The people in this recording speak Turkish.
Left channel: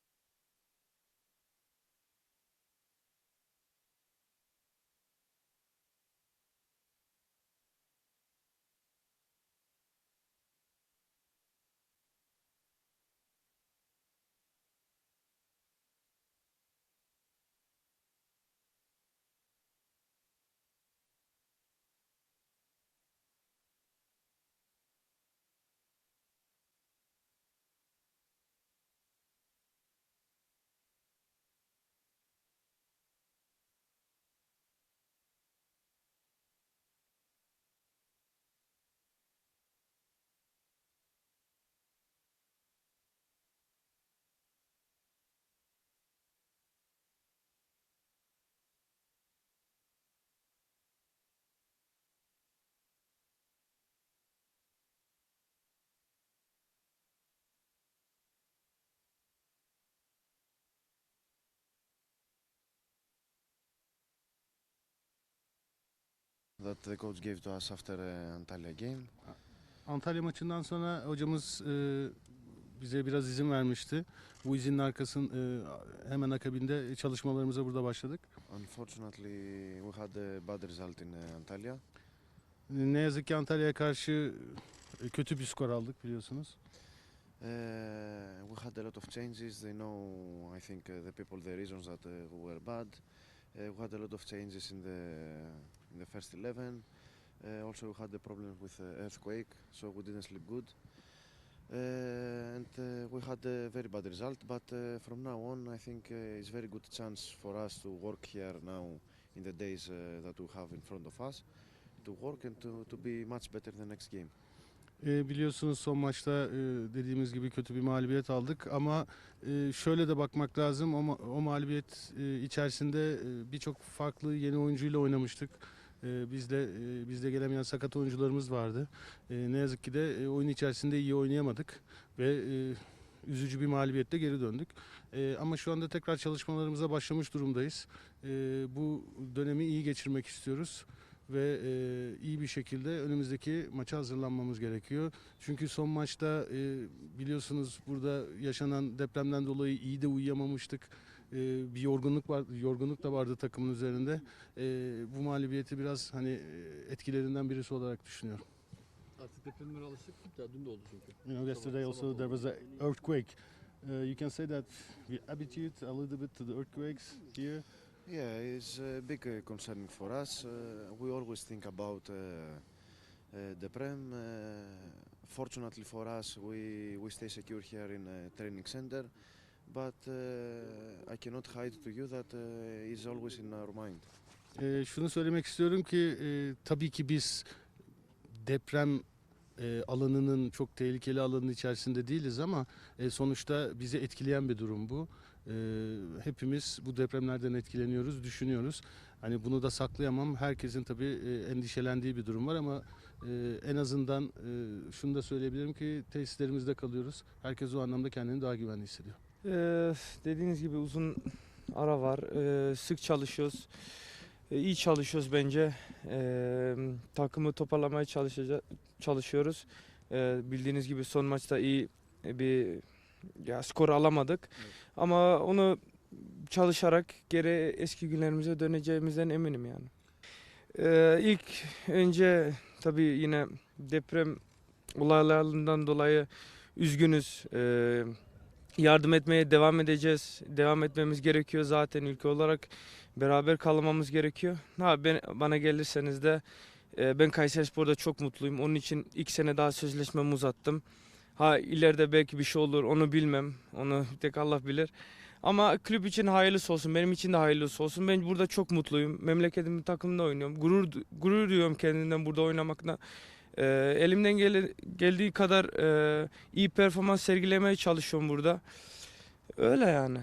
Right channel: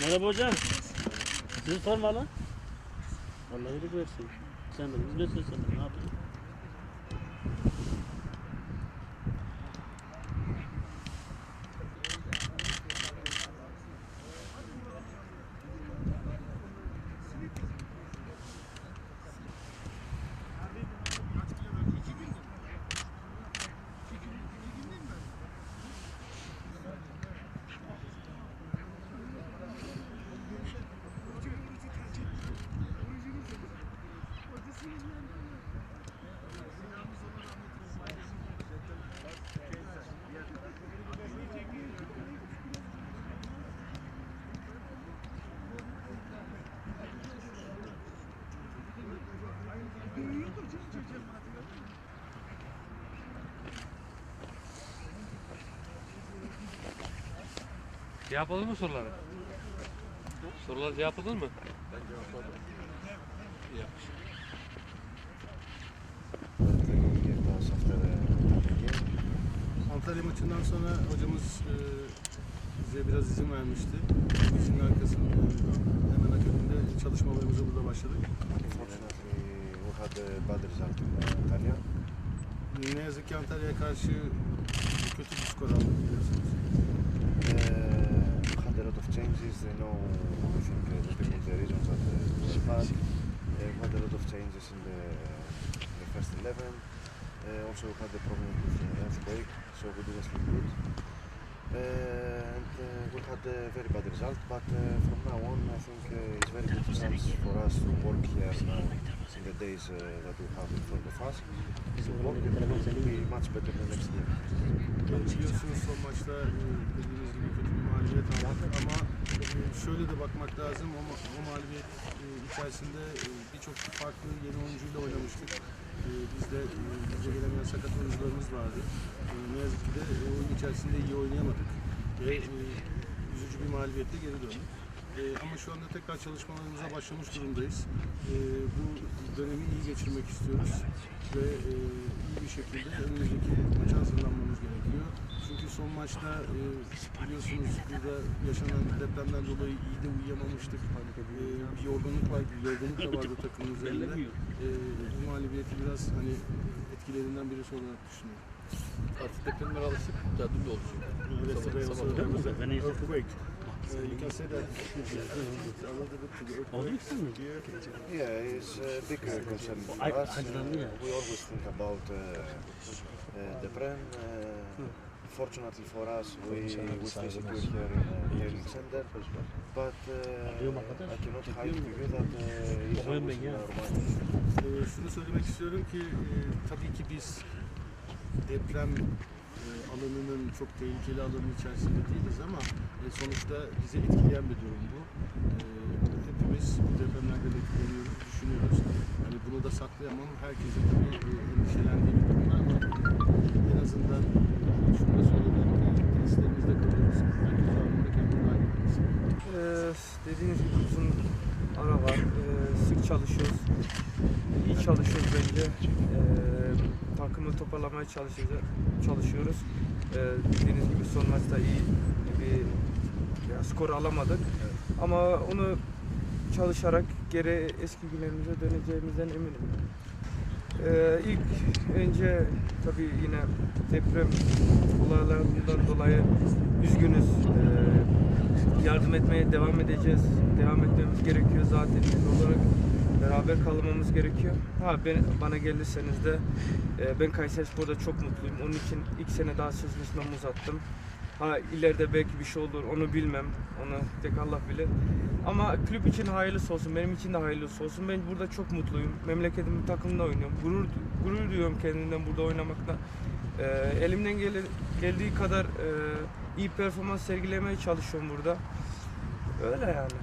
Merhaba hocam. Sizi sorma lan. Allah iyilik versin. Sen de ne söylesene ne yapayım? Cevapladın mı soruları? Sorular cevapladın mı? The coach gave to us after the Antalya game. Antalya maçından sonra hocamız e, bize biraz izin vermişti. Bu izinin arkasında e, hemen akabinde çalışmalarımıza burada başladık. Unfortunately, we had a bad result in uh, Antalya. E, Ne yazık ki Antalya'ya karşı kötü bir skor aldık biliyorsunuz. Changes. They know, I think, uh, the people, the regions that uh, were bad. Uh, we had a lot of changes in the, in the first 11. Uh, also, we had the problem with the earthquake, so we didn't sleep good. Uh, and uh, we had a very bad result, but uh, from now on, I think uh, it's very good chance for us to work here now the days uh, that we have in front of us. And to be much better the next game. E, biliyorsunuz son maçta e, dediğimiz gibi kötü bir mağlubiyet aldık ama e, şöyle de bakmak lazım o, ma- o mağlubiyet e, içerisinde e, birçok farklı yeni oyuncuyla oynamıştık. E, bizde e, bizde gelemeyen sakat oyuncularımız vardı. E, ne yazık ki de e, oyun içerisinde iyi oynayamadık ve e, üzücü bir mağlubiyetle geri döndük. E, ama şu anda tekrar çalışmalarımıza başlamış durumdayız. E, bu dönemi iyi geçirmek istiyoruz ve e, iyi bir şekilde önümüzdeki maça hazırlanmamız gerekiyor. Çünkü son maçta e, biliyorsunuz burada yaşanan depremden dolayı iyi de uyuyamamıştık. E, bir yorgunluk var, bir yorgunluk da vardı takımın üzerinde. E, bu mağlubiyeti biraz hani etkilerinden birisi olarak düşünüyorum. Artık Sabah- there was When an is it? earthquake. Uh, you can say that a little bit to the earthquake. Yeah, it's a big uh, concern for I- us. Uh, we always think about uh, uh, the Prem. Uh, fortunately for us, we, we stay secure here in the training center. But uh, I cannot hide to you that uh, it's always in our mind. Ee, şunu söylemek istiyorum ki e, tabii ki biz deprem e, alanının çok tehlikeli alanın içerisinde değiliz ama e, sonuçta bizi etkileyen bir durum bu. E, hepimiz bu depremlerden etkileniyoruz, düşünüyoruz. Hani bunu da saklayamam. Herkesin tabii e, endişelendiği bir durum var ama e, en azından e, şunu da söyleyebilirim ki tesislerimizde kalıyoruz. Herkes o anlamda kendini daha güvenli. Ee, dediğiniz gibi uzun ara var. Ee, sık çalışıyoruz. Ee, iyi çalışıyoruz bence. Ee, takımı toparlamaya çalışacağız, çalışıyoruz. Ee, bildiğiniz gibi son maçta iyi bir ya, skor alamadık. Ama onu çalışarak geri eski günlerimize döneceğimizden eminim yani. Ee, ilk önce tabii yine deprem olaylarından dolayı üzgünüz. Ee, yardım etmeye devam edeceğiz. Devam etmemiz gerekiyor zaten ilk olarak. Beraber kalmamız gerekiyor. Ha ben, bana gelirseniz de e, ben Kayserispor'da çok mutluyum. Onun için ilk sene daha sözleşmemi uzattım. Ha ileride belki bir şey olur onu bilmem. Onu tek Allah bilir. Ama kulüp için hayırlısı olsun. Benim için de hayırlısı olsun. Ben burada çok mutluyum. Memleketimin takımında oynuyorum. Gurur gurur duyuyorum kendimden burada oynamakla. Ee, elimden gele- geldiği kadar e, iyi performans sergilemeye çalışıyorum burada. Öyle yani.